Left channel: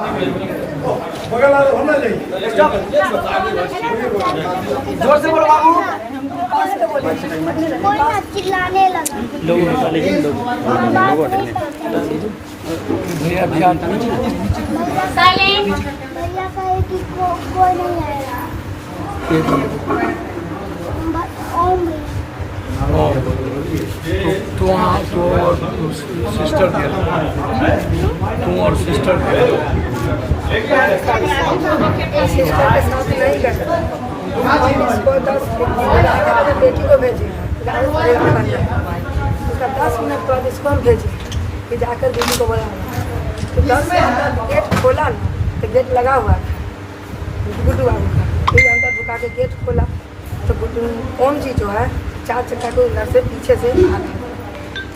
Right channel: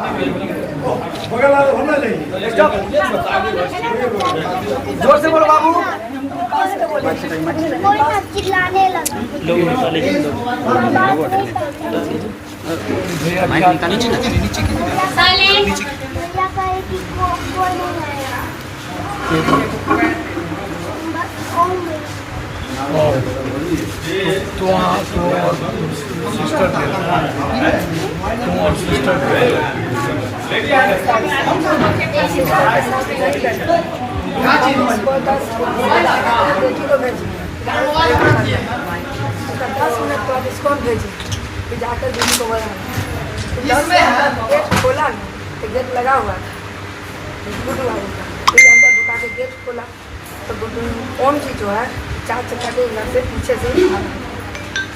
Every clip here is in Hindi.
बगल वाले हम ना जाइए जोर से बोलो बाबू कोई ना चिल्लाने लगा भैया भैया कहे कि कोई नहीं आएगा बस ओम तो सिस्टर तुम और सिस्टर बेटी को भेजी 10 मिनट बाद इसको हम भेजी कि जाकर दीदी को बोला 10 मिनट गेट खोला ना तो गेट लगा हुआ था गुड्डू आई था फिर अंदर ढुका के गेट खोला तो गुड्डू ओम जी जो है 4 चक्का के घर से पीछे से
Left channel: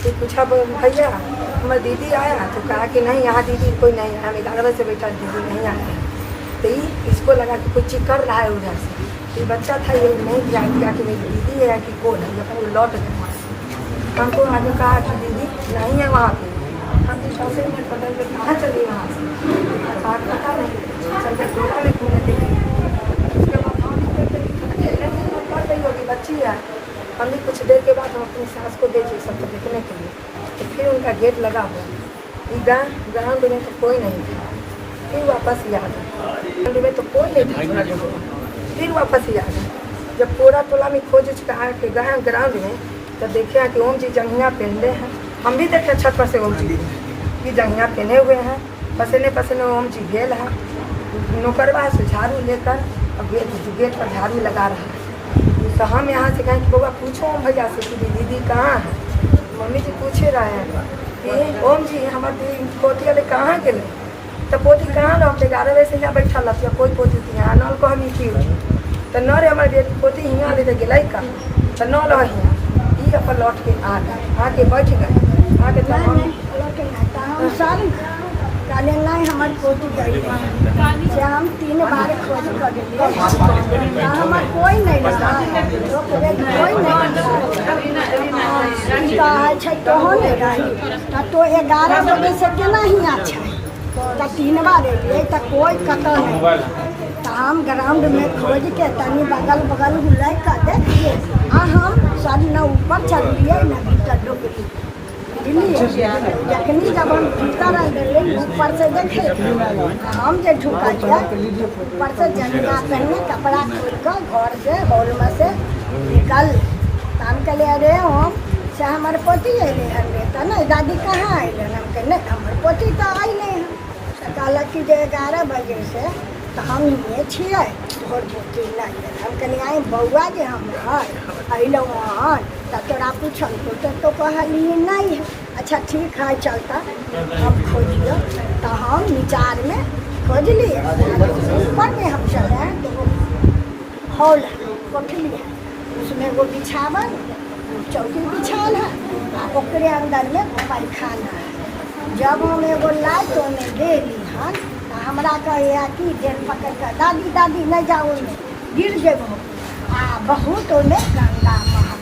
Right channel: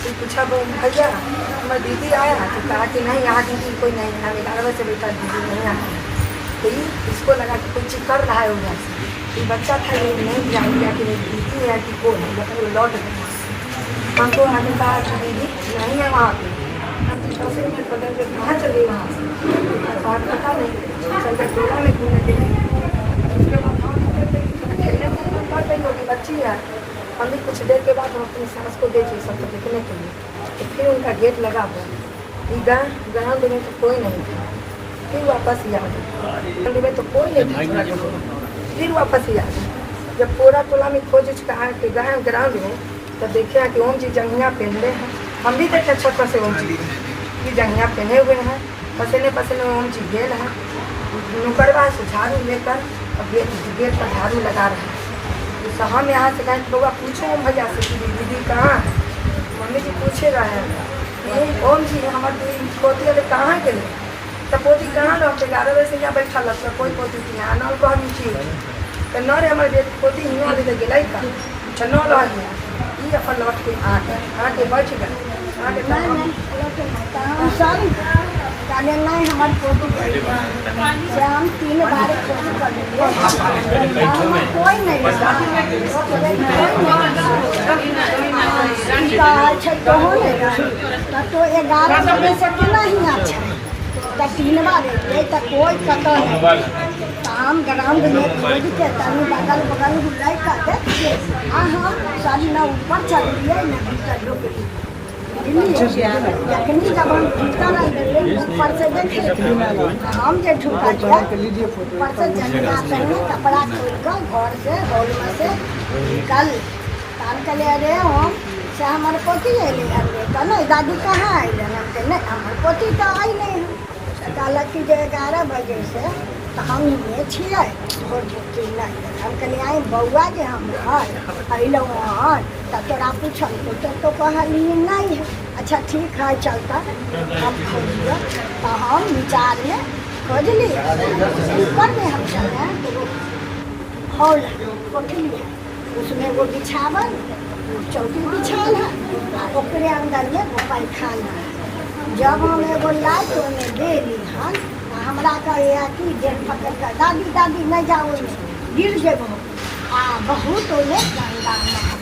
फिर पूछा भैया हमारी दीदी आया तो कहा कि नहीं यहाँ दीदी कोई नहीं है 11 बजे से बेटा दीदी नहीं आया तो इसको लगा कि कुछ कर रहा है उधर से ये बच्चा था ये नहीं जान गया कि मेरी दीदी है कि कौन है लेकिन वो लौट गया हमको आगे कहा कि दीदी नहीं है वहाँ पे हम 10 मिनट पता नहीं कहाँ चल गई वहाँ से पता नहीं चल के टोला में घूमने के लिए उसके बाद हम खेलने के लिए कर रही होगी बच्ची है हमने कुछ देर के बाद हम अपनी सास को भेजे सबको देखने के लिए तो फिर उनका गेट लगा हुआ ग्राउंड में तो कोई नहीं था फिर वापस ही आ गए में तो कोई नहीं था फिर वापस ही आ गए जब पूरा टोला में खोज चुका है कि गए ग्राउंड में तो देखे हैं कि ओम जी जंघिया पहनले हैं हम भी देखे छत पर से ओम जी की जंघिया पहने हुए हैं पसीने पसीने ओम जी गेल है नुकरवा से झाड़ू लेकर और गेट पर झाड़ू लगा रहा है तो हम यहाँ से कहें लोग पूछो भैया से कि दीदी कहाँ है मम्मी जी पूछे रहे हैं कि ओम जी हमारे पोती वाले कहाँ गए तो पोती कहाँ रह 11 बजे से यहाँ बैठा लग कोई पोती थी यहाँ नल को हम नीचे तो न रे हमारे पोती हियाँ लेके गए का तो न रह गया ये अपन लौट के आके बैठ गए आके नहीं हमारे पोती गई से हम 3 बार खोज कर हमारे कोई नहीं लगा तो होने रही तो 11 बजे से केना हियाँ छै तो 3 बार एलिए तो कोई कतौ नहीं तो हम ग्राउंड में खोज के तनी बगल बुलाई कर देखिए हाँ हम सब न ऊपर चलिए न भीतर रुकलिए जखनी जब हम भीतर गए ऊपर से देखे हम जो ढुका ऊपर से जंगला पहने कपड़ा खोल कर घर से हॉल में से निकल काम चले अरे हम से हमारे पोती अले कहना दादी कहाँ अले हम कहने हमारे पोती तो आई नहीं कहलक कि 11 बजे से तो हम ये छिए हम कहलिए आई बउआ जे हम अल वहाँ तो तोरा पूछल तो कहलिए नहीं है अच्छा ठीक है चलता हम खोजिए तो हम विचार में खोज लिए ऊपर में हम चले तो हॉल कोठली है उसमें वो बिछावन चौकी बिछाल है ओकरे अंदर में वो पैखाना है जब हम एगो लाइट में गेली हन तो हमरा कहे कि गेट पकड़ कर दादी दादी नहीं जाओ में गिर जेबो आ बहुत ओने गंगा महल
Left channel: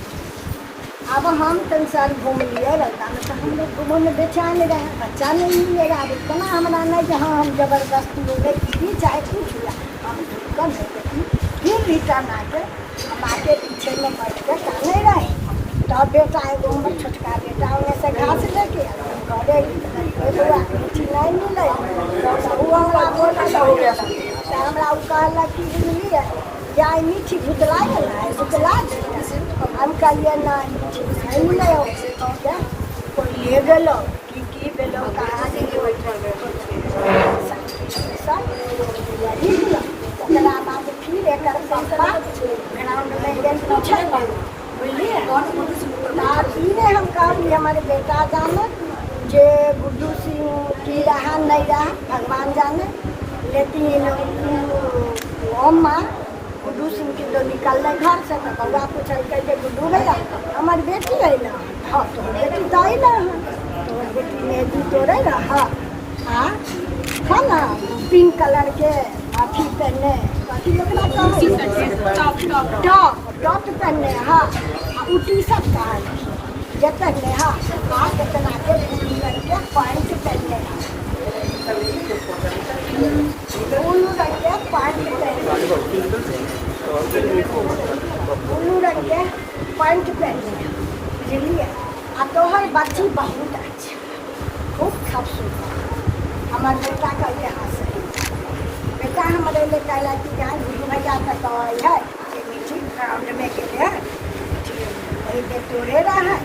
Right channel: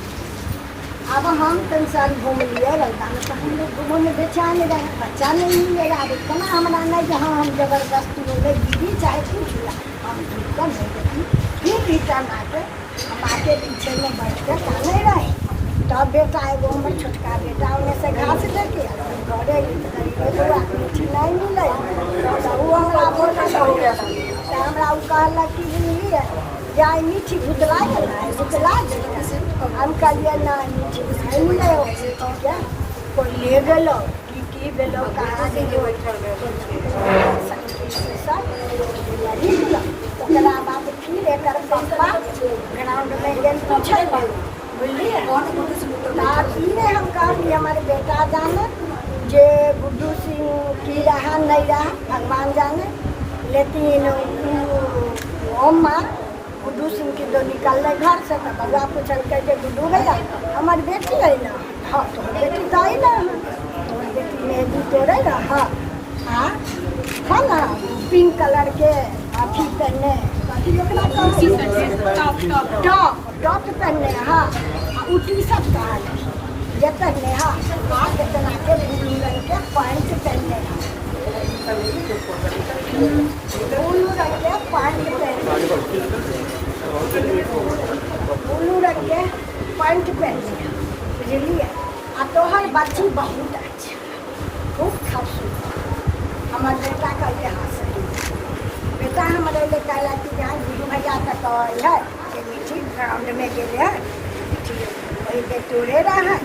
अब हम तनसार घूम लिए रहा तो हम लोग घूमने बेचैन रहे बच्चा नहीं मिलेगा अब इतना हमारा नहीं कि हाँ हम जबरदस्ती बोले दीदी चाहे कुछ हम ढुकन फिर रिटर्न आके पीछे में बैठ कर जाने रहे तब बेटा एगो हमर छोटका बेटा उन्हें से घास लेके नहीं मिले वो हमारा बोला हो गया था हमरा कहला कि जा नीचे भुतला हम कहलिए नहीं मिले कोई ले गलो की गलो कहाँ से हम कहलिए हमारे बेटा जाने जे गुड्डू सिंह की रहा नहीं रहा भगवान जाने लेकिन ओम माँ गुड्डू सिंह की जो निकल रहे घर से बउआ पूछल करके गुड्डू भैया हमारी बेटी है ना हाँ तो बेटी तो आई ना बेटी मेहंदी तोड़े ना हाँ हाँ था ना पिंक कलर के अथी पहने टॉप पहने हाँ वो टी शर्ट का है जे पहने हाँ कितना के पैंट पहने उल्लू रख के पैंट उल्लू रख के पैंट पहन बुझलिए। आ तोहर बच्ची बहुत अच्छी खूब खूबसूरत। हमार बेटा का यहाँ से बेटा हमारे लिए कहला कि जहाँ बुढ़ी भैया का तो है हमने के लिए वही तोड़े रहा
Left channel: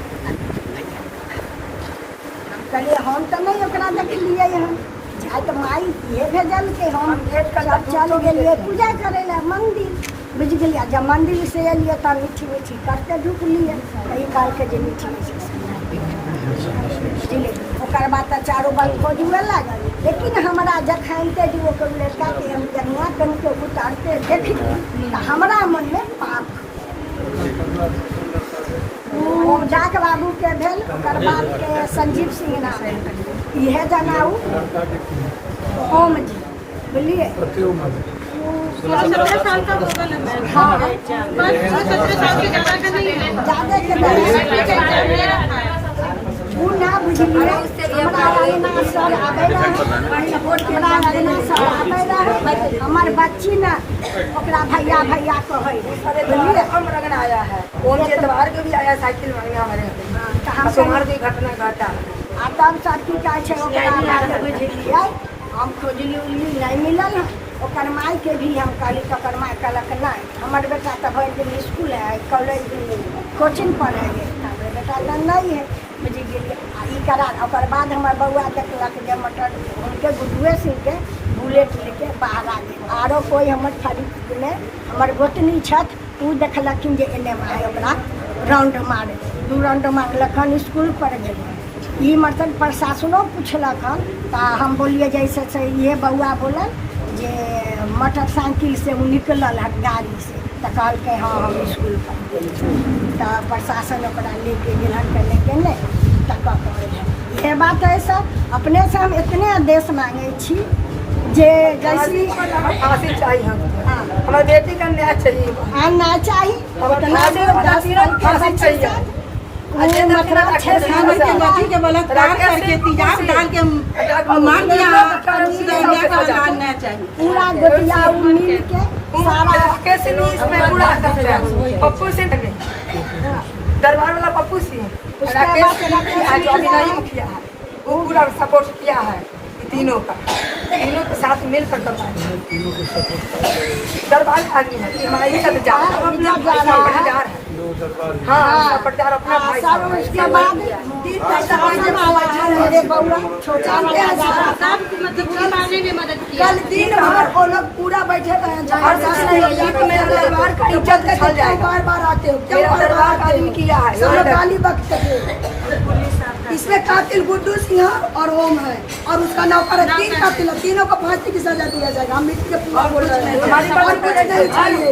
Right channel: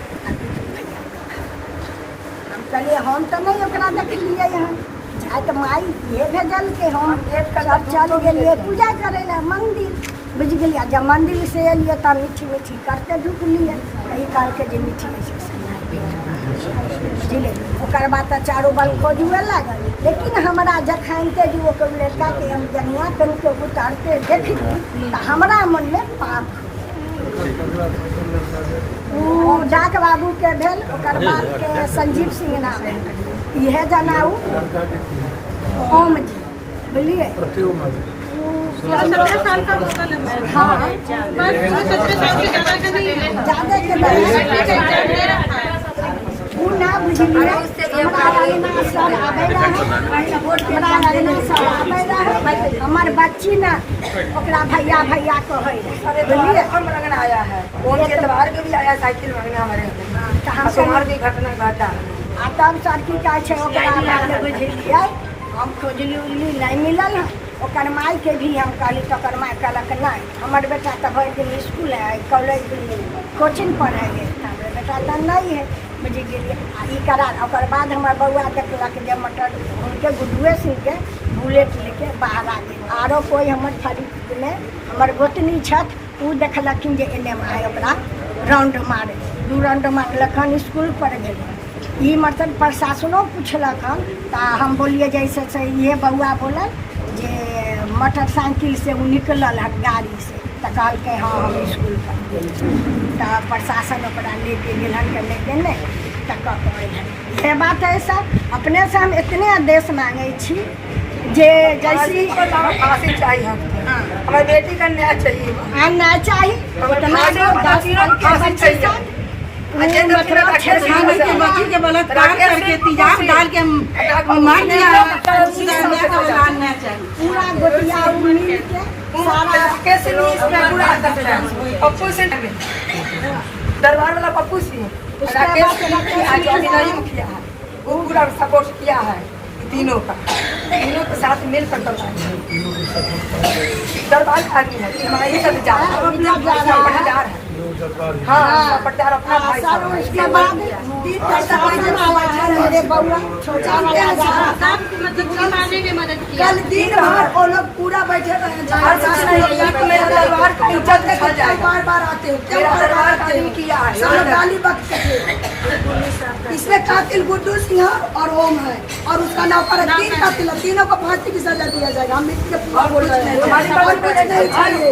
कहलिए हम तो नहीं ओकरा देख लिए हम चाहे तो माई ये भेजल के हम सब चल गेलिए पूजा करे ला मंदिर बुझ गलिए। जब मंदिर से एलिए तब मीठी मीठी करते धूप लिए कहीं काल के जो मीठी मीठी ओकर बाद तो चारों बल खोजुए लागल। लेकिन हमारा जखन के जो लड़का के हम जनिया कन के उतारते देखली तो हमारा मन में पाप डाक बाबू के भेल ओकर बाद के संजीव सिंह नाम यह जनाऊ ओम जी बुझलिए। हाँ ज़्यादा के वो ना बुझलिए। हमार बच्ची ने ओकरा भैया भैया कहे हम रंगन आया है कौन से त्योहार के भी आया साइकिल मांगना हमारे तुम्हार की घटना घटा तब सब की कहै छै ओकरा बुझलिए। हम खोजली उल्ली नहीं मिलल है ओकर माई के भी हम कहली तो ओकर माई कहलक नहीं हमार बेटा तो भरि दिन स्कूल है कॉलेज कोचिंग पढ़े हमर बेटा नहीं है बुझ गेलिए। ई करा ओकर बाद हमार बउआ देखलक जे मटर उनके गुड्डुए सिंह के बुलेट लेके बाहर आ गए। आरो कोई हमर खरीद में हमर गोतनी छथ उ देखलखिन जे एने माय ओकरा राउंड मारे 2 राउंड मारलखन स्कूल पर गेलिए। ये मतलब प्रशासनो पूछलक हन तो हम बोलिए जैसे से ये बउआ बोलल जे मोटरसाइकिल से वो निकलल हन गाड़ी से तो कहलके हाँ हम स्कूल पर गेल तो प्रशासन ओकरा लेके गेलन के लेके नहीं तो करे ये बात है सर। अपने से हम इतने आदेश मांगे छी जे जैसी फांसी चाहिए हमारी बेटी का न्याय चाहिए न्याय चाहिए उतना फांसी चाहिए। पूरा गोटिया मिल के पप्पू से दरबार वाला पप्पू सिंह वो पूरा सपोर्ट किया है तीनों के साथ मिलकर दरबार आदमी है हमारे साथ जा रहा है। हाँ प्रचार अपना भाई उसके बाद मेरे बउआ छोटा कल दिन भर वो लोग पूरा बैठे दरबार का इज्जत देखा जाएगा बार आते हो दरबार का किया है सब गाली बक इसमें कातिल गुड्डू सिंह और ओम है और उसका नौकर 3 कातिल तीनों को फांसी की सजा दिया जाएगा। हम इसके पूरा बोल रहे हैं हमारी बात नहीं चाहिए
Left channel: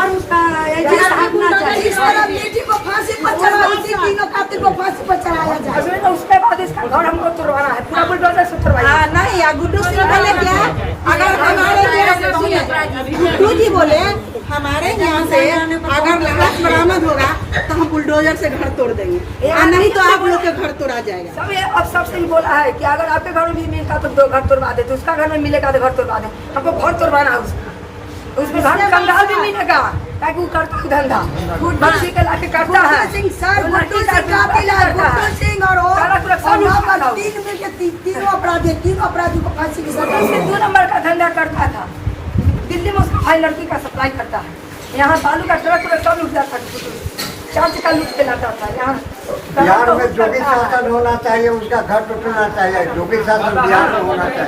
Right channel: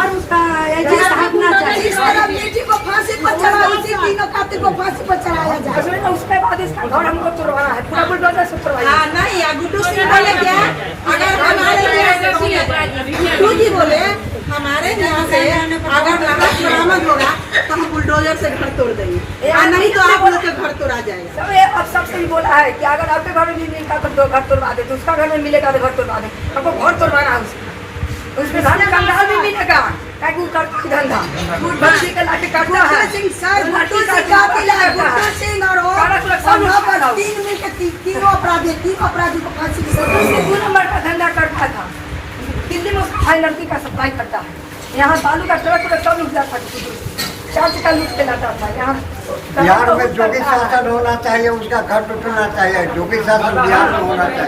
और उसका इस तरह बेटी को फांसी पर चढ़ा इसी तीनों कातिल को फांसी पर चढ़ाया जाए। उसके बाद इसका घर हमको तुड़वाना है पूरा बुलडोजर से तुड़वाना नहीं गुड्डू सिंह बोले क्या अगर हमारे गुड्डू जी बोले हमारे यहाँ से अगर लाश बरामद होगा तो हम बुलडोजर से घर तोड़ देंगे और नहीं तो आप लोग के घर तोड़ा जाएगा। सब अब सबसे बोला है कि अगर आपके घर में भी नहीं का तो 2 घर तोड़वा दे तो उसका घर में मिलेगा तो घर तोड़वा दे हमको घर तोड़वाना है उसमें घर में बंगाल भी मिलेगा ताकि वो करता है धंधा बच्ची का लाके काटता है गुड्डू सिंह और 3 मिलकर तीनों अपराधी को फांसी की सजा 2 नंबर का धंधा करता था दिल्ली में उसका भाई लड़की का सप्लाई करता है। यहाँ बालू का ट्रक सब लुट जाता था 4 चक्का लूट के लाता था। यहाँ बिहार में जो भी शासन होना चाहिए उसका घर टूटना चाहिए जो भी शासन बिहार में होना चाहिए।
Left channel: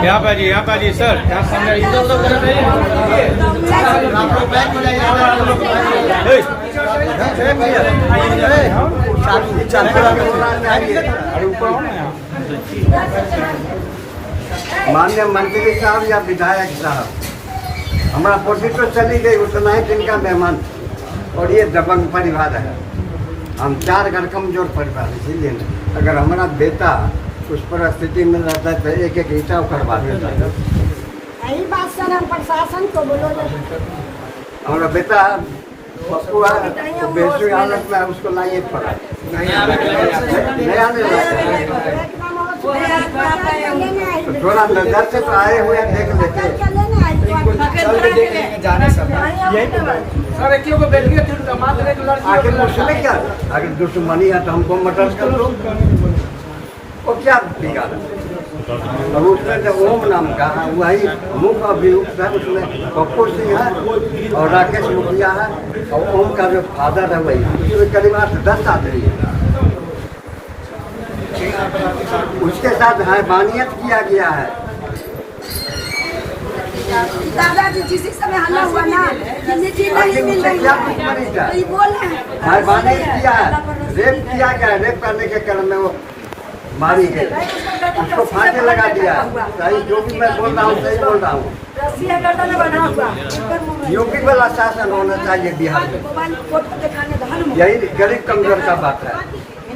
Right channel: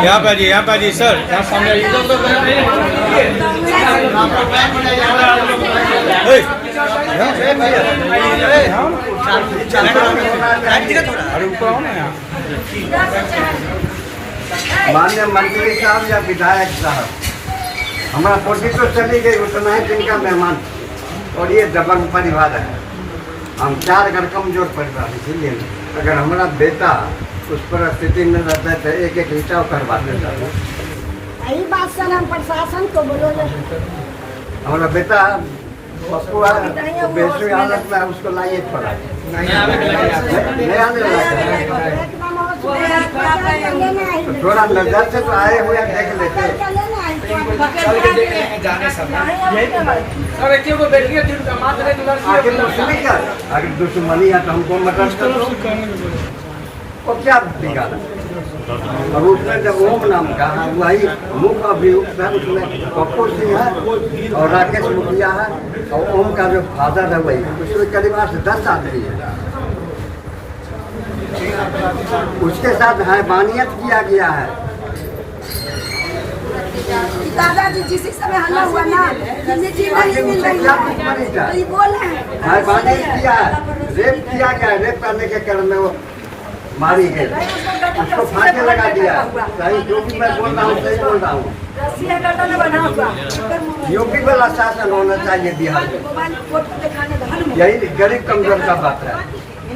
यहाँ पर सर माननीय मंत्री साहब या विधायक साहब हमारा पोटी तो चली गई उतना ही दिन का मेहमान और ये दबंग परिवार है। हम 4 घर कमजोर परिवार इसीलिए अगर हमारा बेटा उस परिस्थिति में रहता है तो एक ईटा करवा देता है। यही बात सर हम प्रशासन को बोलोगे। हमारा बेटा पप्पू है, तो बेचू हालत में उसको लाइए पड़ा नहीं आने लगा। तो थोड़ा नजर से तो आए हुए देख लेते। सर एक को बैठ गया तो मात्र एक लड़की आखिर मुझसे क्या, अगर दुश्मनी है तो हमको मदद करो। और क्या बिगाड़, अब उसने जब ओम नाम कहा वही मुख अभियुक्त है, उसमें पप्पू सिंह है और राकेश मुखिया है और ओम का जो फादर है वही, उसमें करीब 10 आदमी है। उसके साथ हैवानियत किया गया है। दादाजी जिस समय हल्ला हुआ ना कि मिट्टी नहीं मिल रही है तो ये बोले हैं हैवानियत किया है, रेप किया गया, रेप करने के क्रम में वो मारी गई, उसको फांसी लगा दिया है। सही जो भी मैं बोल रहा हूँ सही बोल रहा हूँ। यूपी वाला शासन होना चाहिए बिहार में, यही गरीब कमजोर का बात है।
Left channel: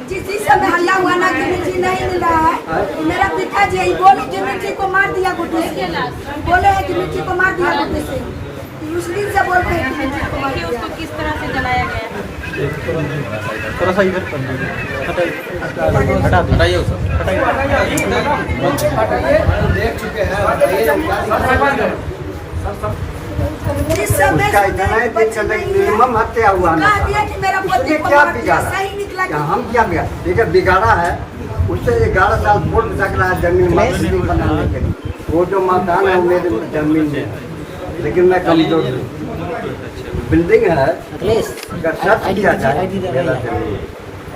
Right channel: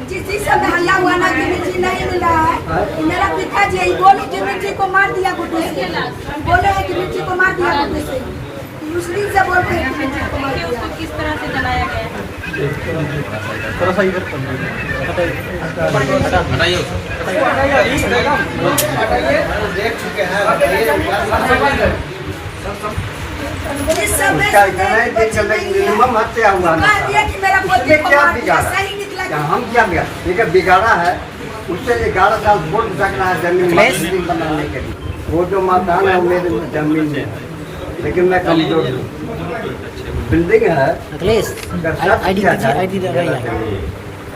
जिस समय हल्ला हुआ ना कि मिट्टी नहीं मिल रहा है तो मेरा पिताजी यही बोले कि मिट्टी को मार दिया गुड्डू से, बोले हैं कि मिट्टी को मार दिया गुड्डू से, दूसरी से बोलते हैं कि मिट्टी को मार दिया। किस तरह से जलाया गया? इस समय उसका इतना ही दिन चलने की मिनिमम हत्या हुआ ना, कहा दिया कि मेरा पोती ये को क्या मार दिया, बिगाड़ा, सही निकला क्या हम क्या बिगाड़ा, ये बिगाड़ा है। उससे 11 साल वोट रखना है जमीन मस्जिद बनाने के लिए, वो जो मकान है मेरे जमीन में, लेकिन मैं कमजोर हूँ। बिल्डिंग है अगर सर्च किया जाए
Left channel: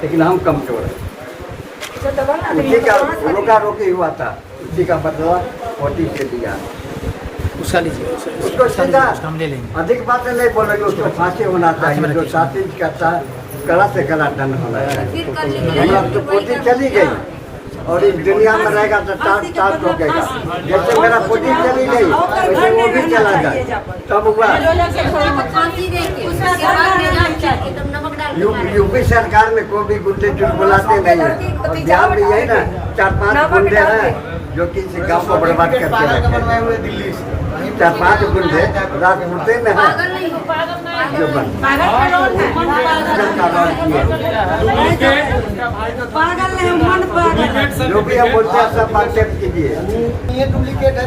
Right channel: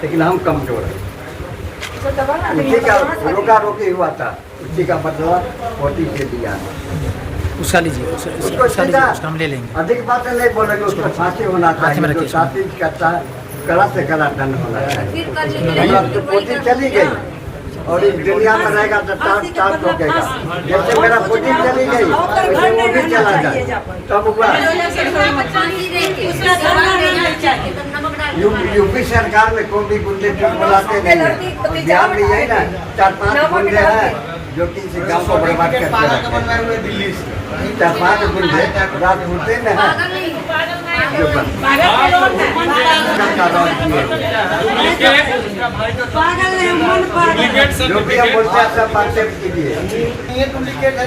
लेकिन हम कमजोर हैं। उसी का रोका रोकी हुआ था, उसी का बदला 40 से दिया। उसका लीजिए, उसको सीधा हम ले लेंगे। अधिक बातें नहीं बोलेंगे, उसको फांसी होना चाहिए, जो शादी करता है कड़ा से कड़ा दंड होना चाहिए। हमारा तो पोती चली गई और इस दुनिया में रहेगा तो टाट ठोकेगा। जैसे मेरा पोती चली गई वैसे वो भी चला जाए तब हुआ। यूपी सरकार में कोई भी गुंडे बुलाते नहीं है, और बिहार में यही ना 4-5 गुंडे हैं जो कि इस गाँव को बर्बाद करके रखते हैं। 4-5 गुंडे रात होते में है जो पागल नहीं मन पागल। जो भी हम बोलते हैं सब एक्सेप्ट कीजिए। ये डुप्लीकेट है।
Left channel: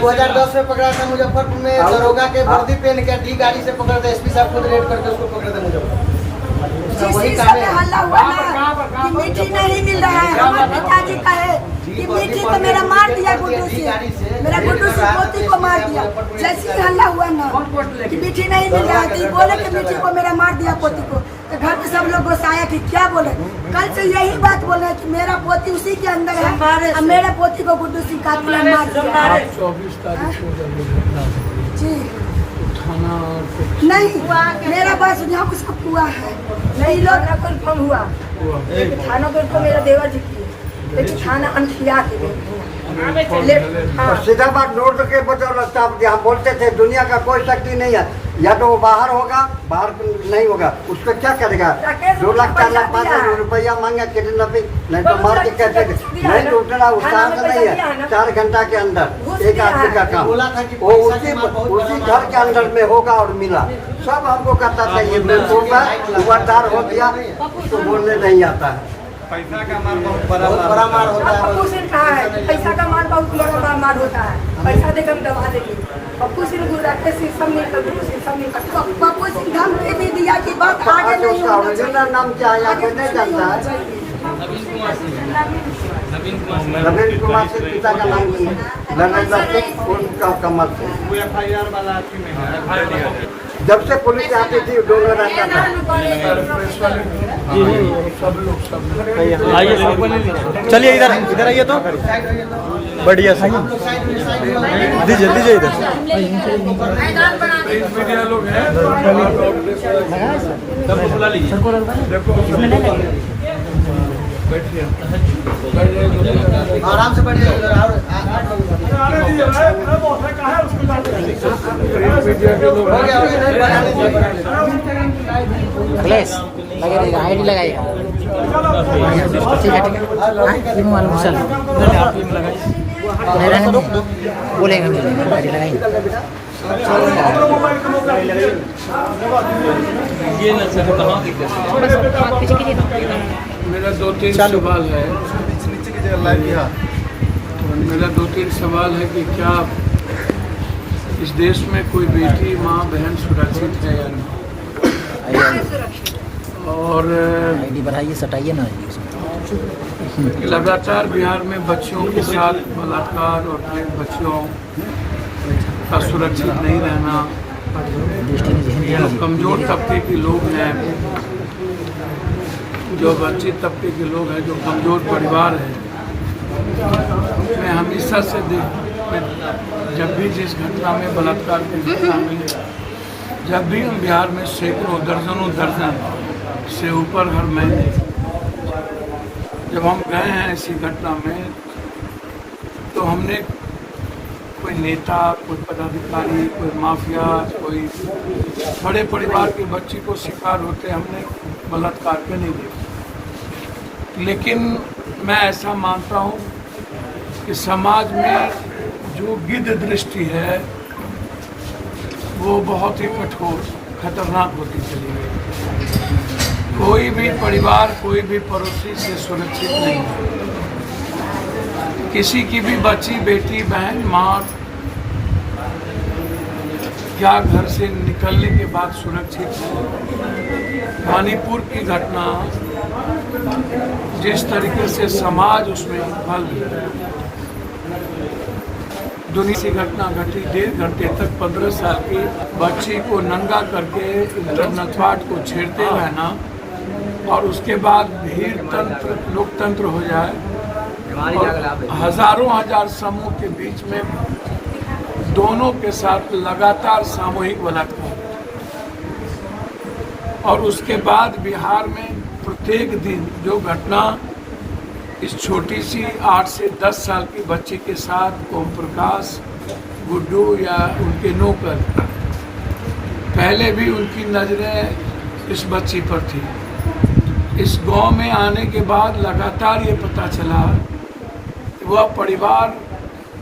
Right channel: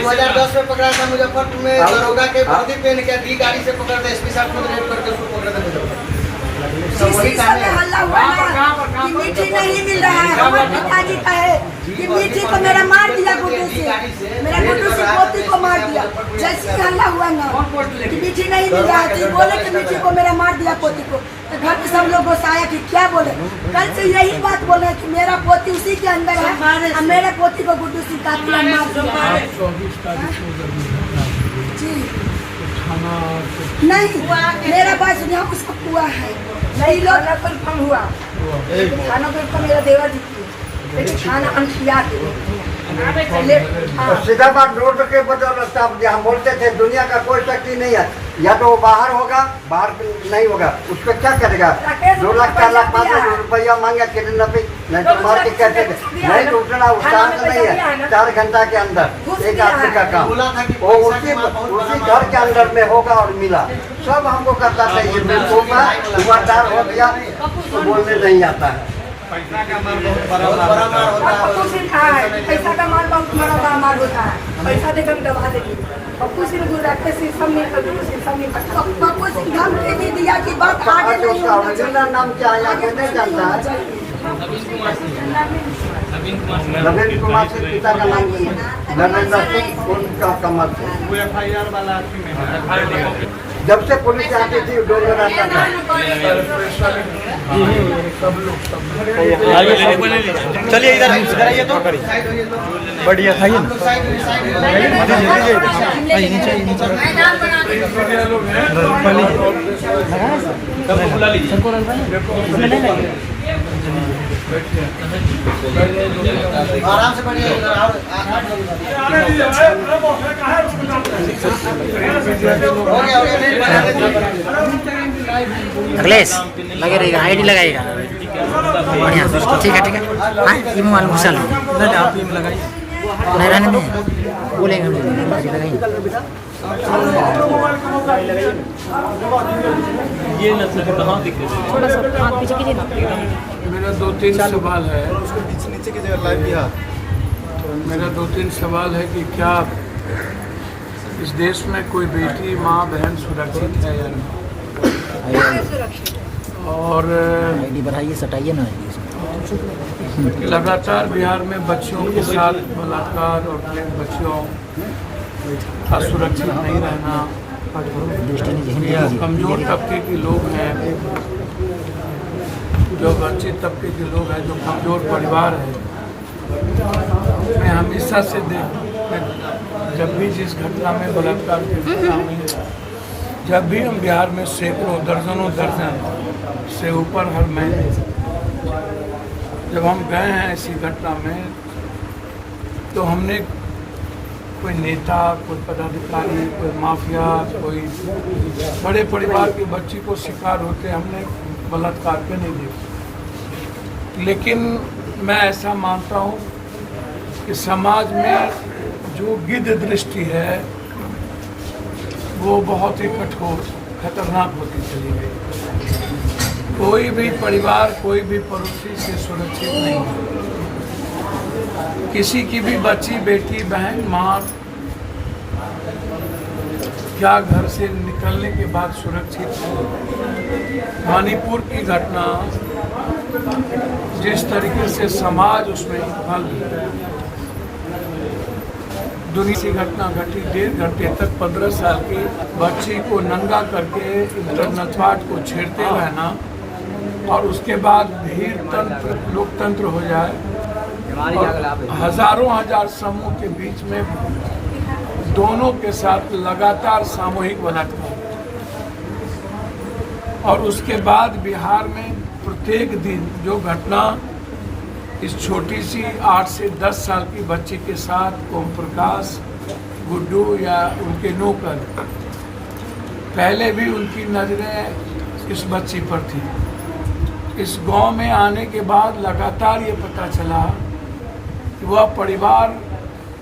2010 में पकड़ा था मुजफ्फरपुर में, दरोगा के वर्दी पहन के डी गाड़ी से पकड़ा था, एसपी साहब खुद रेड करके उसको पकड़ा था मुजफ्फरपुर। जिस समय हल्ला हुआ ना कि मिट्टी नहीं मिल रहा है, हमारे पिताजी का है कि मिट्टी को मेरा मार दिया गुड्डू से, मेरा गुड्डू से पोती को मार दिया। जैसे ही हल्ला हुआ ना कि मिट्टी नहीं मिल रहा है तो बोले कि मिट्टी को मेरा मार दिया पोती को, तो घर पे सब लोग गुस्साया कि क्या बोले। कल से यही बात बोले कि मेरा पोती उसी के अंदर है और मेरे पोती को गुड्डू सिंह कातिल मार दिया। 24 तारीख को जी नहीं, मेरा बात यहाँ उसको हुआ है नहीं, लोग कन्फर्म हुआ खाना पे मेरा देवर जी की, लेकिन खाना अनखिया के और सीधा बात रोड के बदल साहब हम बोलते थे दुनिया का कोई शक्ति नहीं है, या तो वो बाहर होगा, बाहर नहीं होगा, उसको क्या करेगा। 2 लाख 4 लाख 5 लाख रुपया मांगा किडनैपिंग, नहीं तो मार के कहते नहीं तो उठना उसका नहीं है। 4 घंटा के अंदर एक आदमी का काम वो उसी घर के अंदर में होगा और मिला। सब हमको कहता था ये बेवकूफ है, हुआदार हो गया तो बोलने नहीं आता है। पैसा का मार बहुत बड़ा मार होता है। पप्पू सिंह कहा है पैसा का मार बहुत बड़ा मार होता है, पैसा देकर दबा देंगे। पप्पू सिंह गुजरात से सब नहीं पप्पू सिंह धमकी भी दिया कि बात आगे नहीं उसका ओरिजिनल नाम क्या है या कोई नहीं जानता है। नवीन कुमार से पिता का नाम नरेंद्र सिंह, उनका कमल सिंह। FIR वाला जब से पुलिस आती थी डोंगर आता था। सब लोग चलिए इधर आइए तो बढ़िया सही दीजिए इधर आइए नीचे आराम से बैठिए। अखिलेश लगे रहेगा, आईडी लगाइएगा बढ़िया। ठीक है हाँ, ये मोबाइल घुसा लो, आप ही में लगाइए। नहीं रहने नहीं बोलेगा हम ले लेंगे गाड़ी लगाएंगे। थोड़ा सा हाथ पीछे कीजिए ना। मेरा दो तीन सवाल है। मेरा दो तीन सवाल है कि क्या इस देश में कोई बेटी माँ बहन सुरक्षित है या नहीं, और आईडी बढ़ाइए सटाइए ना लगातार बिहार में बच्चियों के साथ बलात्कार और फिर बच्चियों का सुरक्षित नहीं रहना, जो कमज़ोर तबके के लोग हैं, जो वंचित तबके के लोग हैं, जो कमज़ोर परिवार है, मैं हमेशा से जब भी जिस घटना में बलात्कार की घटना में जब भी हम बिहार में सैकड़ों दर्जनों दर्जन से ऊपर हर महीने जब हम गए हैं ऐसी घटना में, तो हमने कोई नेता, कोई पदाधिकारी, कोई माफिया, कोई बड़े परिवार की बच्ची को शिकार होते हमने बलात्कार के नहीं देखे। लेकिन मैं ऐसा मानता हूँ कि समाज में जो गिद्ध दृष्टि है वो बहुत ही कठोर खतरनाक होती चली गई। कोई भी परिवार, कोई भी पड़ोसी से सुरक्षित नहीं है। किसी की भी बच्ची, बेटी, बहन, माँ क्या घर से निकलने के बाद सुरक्षित है। मणिपुर की घटना, जिस तरीके से समाज उसमें फल दुनिया की घटना घटी, 1.5 घंटे तक 15 साल की बच्ची को नंगा करके इंटरनल पार्ट को छेड़ते रहना और उसके बाद भीड़ तंत्र, लोकतंत्र हो जाए और हजारों हजार समूह के बीच में दोनों के साथ लगातार सामूहिक बलात्कार, और उसके बाद बिहार में प्रत्येक दिन जो घटना इस छोटी सी 8 से 10 साल की बच्ची के साथ ओम प्रकाश, गुड्डू या उनके नौकर, पहले भी उनकी नजरें इस बच्ची पर थी। इस गांव में आने के बाद लगातार ये पता चला कि वह परिवार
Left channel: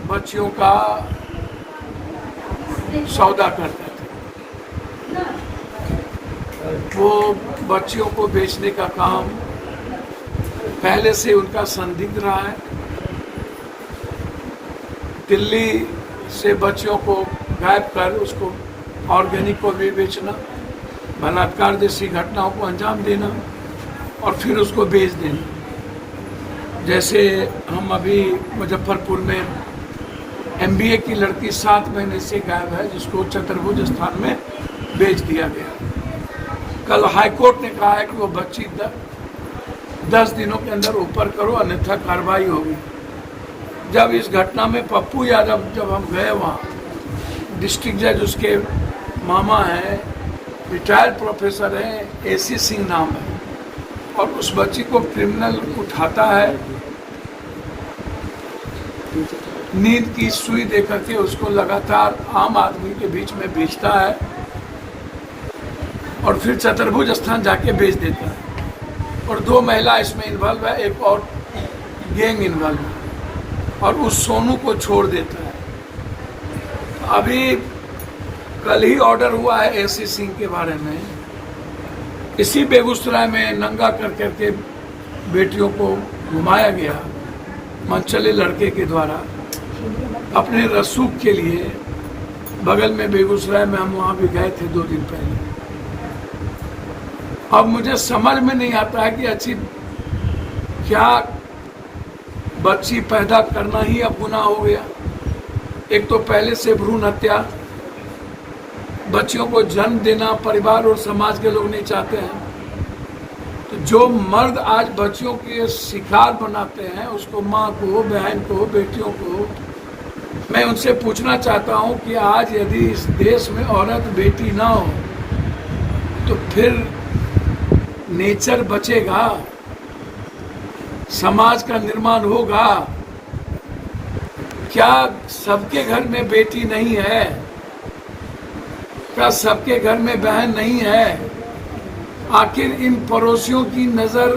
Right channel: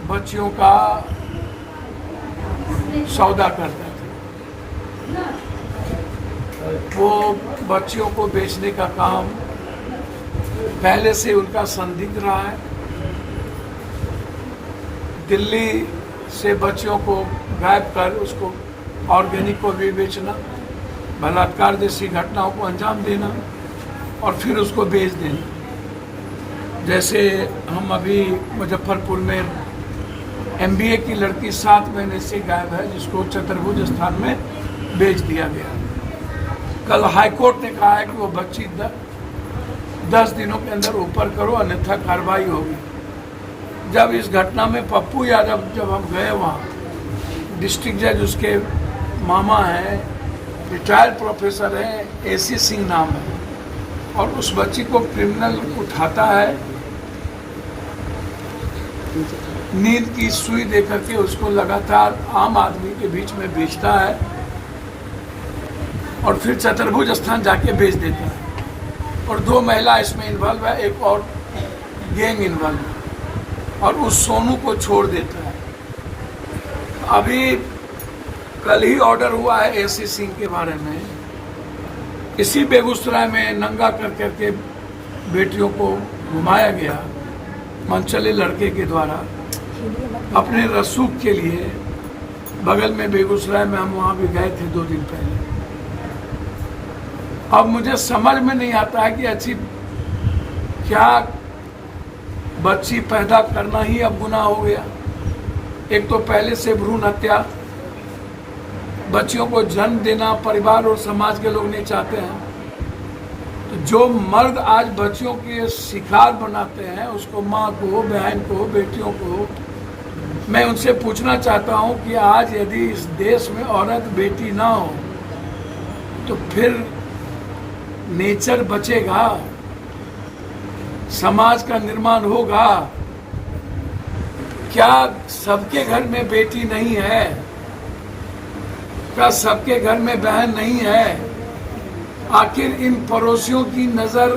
बच्चियों का सौदा करता था। वो बच्चियों को बेचने का काम पहले से उनका संदिग्ध रहा है। दिल्ली से बच्चियों को गायब कर उसको ऑर्गेनिक को भी बेचना, बलात्कार जैसी घटनाओं को अंजाम देना और फिर उसको बेच देना। जैसे हम अभी मुजफ्फरपुर में MBA की लड़की 7 महीने से गायब है, जिसको चतुर्भुज स्थान में बेच दिया गया। कल हाईकोर्ट ने कहा है कि वो बच्ची 10 दिनों के अंदर ऊपर करो, अन्यथा कार्रवाई होगी। जब इस घटना में पप्पू यादव, जब हम गए वहाँ, डिस्ट्रिक्ट जज उसके मामा हैं, रिटायर्ड प्रोफेसर हैं, AC सिंह नाम है, और उस बच्ची को क्रिमिनल उठाता है, नींद की सुई देकर के उसको लगातार आम आदमी के बीच में बेचता है और फिर चतुर्भुज स्थान जाके बेच देता है। और 2 महिला इसमें इन्वॉल्व है, एक और गैंग इन्वॉल्व है, और उस सोनू को छोड़ देता है। अभी कल ही ऑर्डर हुआ है AC सिंह के बारे में। इसी बेगूसराय में नंगा कर करके बेटियों को घुमाया गया मनचले लड़के के द्वारा अपने रसूख के लिए। बगल में बेगूसराय में हम वहाँ भी गए थे 2 दिन पहले। अब मुझे समझ में नहीं आता है कि अच्छी क्या बच्ची पैदा करना ही अब गुनाह हो गया। एक तो पहले से भ्रूण हत्या, बच्चियों को जन्म देना परिवार और समाज के लोग नहीं चाहते हैं। तो जो मर्द आज बच्चियों के शिकार बनाते हैं, उसको माँ को, बहन को, बेटियों को, मैं उनसे पूछना चाहता हूँ कि आज यदि इस देश में औरत बेटी ना हो तो फिर नेचर बचेगा, समाज का निर्माण होगा? क्या सबके घर में बेटी नहीं है? क्या सबके घर में बहन नहीं है? आखिर इन पड़ोसियों की नजर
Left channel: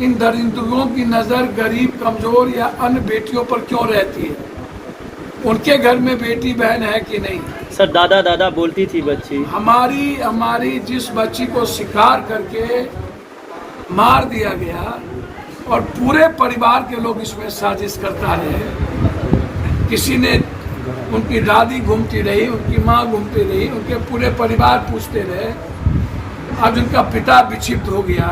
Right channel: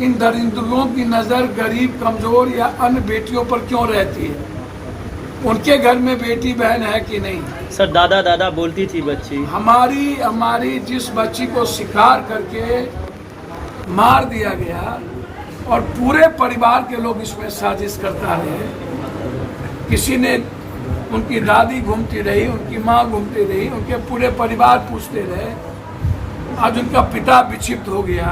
इन दरिंदों की नजर गरीब, कमजोर या अन्य बेटियों पर क्यों रहती है? उनके घर में बेटी बहन है कि नहीं? सर दादा दादा बोलती थी बच्ची। हमारी जिस बच्ची को शिकार करके मार दिया गया और पूरे परिवार के लोग इसमें साजिश करता रहे। किसी ने, उनकी दादी घूमती रही, उनकी माँ घूमती रही, उनके पूरे परिवार पूछते रहे। आज उनका पिता विक्षिप्त हो गया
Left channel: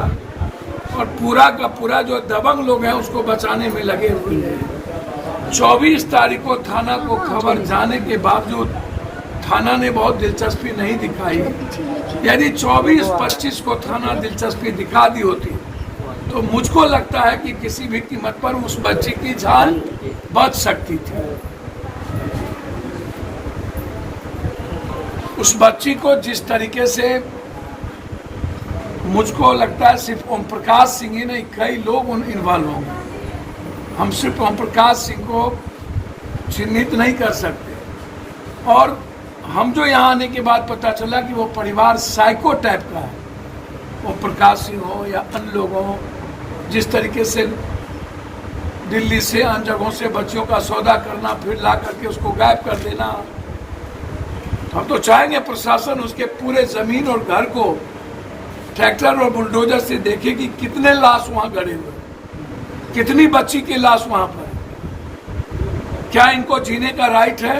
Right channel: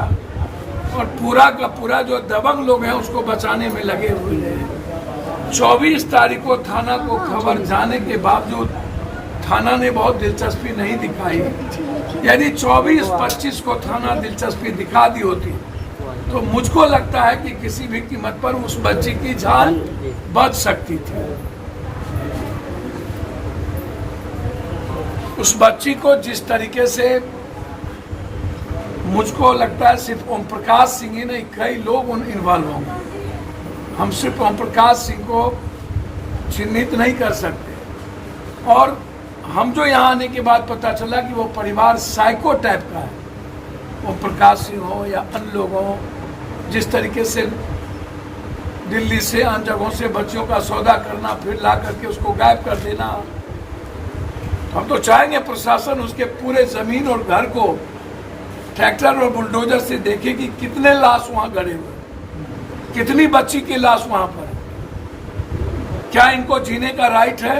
और पूरा का पूरा जो दबंग लोग हैं उसको बचाने में लगे हुए हैं। 24 तारीख को थाना को खबर जाने के बावजूद थाना ने बहुत दिलचस्पी नहीं दिखाई। यदि 24-25 को थाना दिलचस्पी दिखा दी होती तो मुझको लगता है कि किसी भी कीमत पर उस बच्ची की जान बच सकती थी। उस बच्ची को जिस तरीके से, मुझको लगता है सिर्फ ओम प्रकाश सिंह ही नहीं, कई लोग इन्वॉल्व होंगे। हम सिर्फ ओम प्रकाश सिंह को चिन्हित नहीं कर सकते। और हम जो यहाँ आने के बाद पता चला कि वो परिवार साइको टाइप का है। ओम प्रकाश सिंह हो या अन्य लोग हो, जिस तरीके से दिल्ली से अन्य जगहों से बच्चियों का सौदा करना, फिर ला करके उसको गायब कर देना। हम तो चाहेंगे प्रशासन उसके पूरे जमीन और घर को ट्रैक्टर और बुलडोजर से देखे कि कितने लाश वहां गड़े हुए, कितनी बच्ची की लाश वहां पर। क्या इनको जीने का राइट है?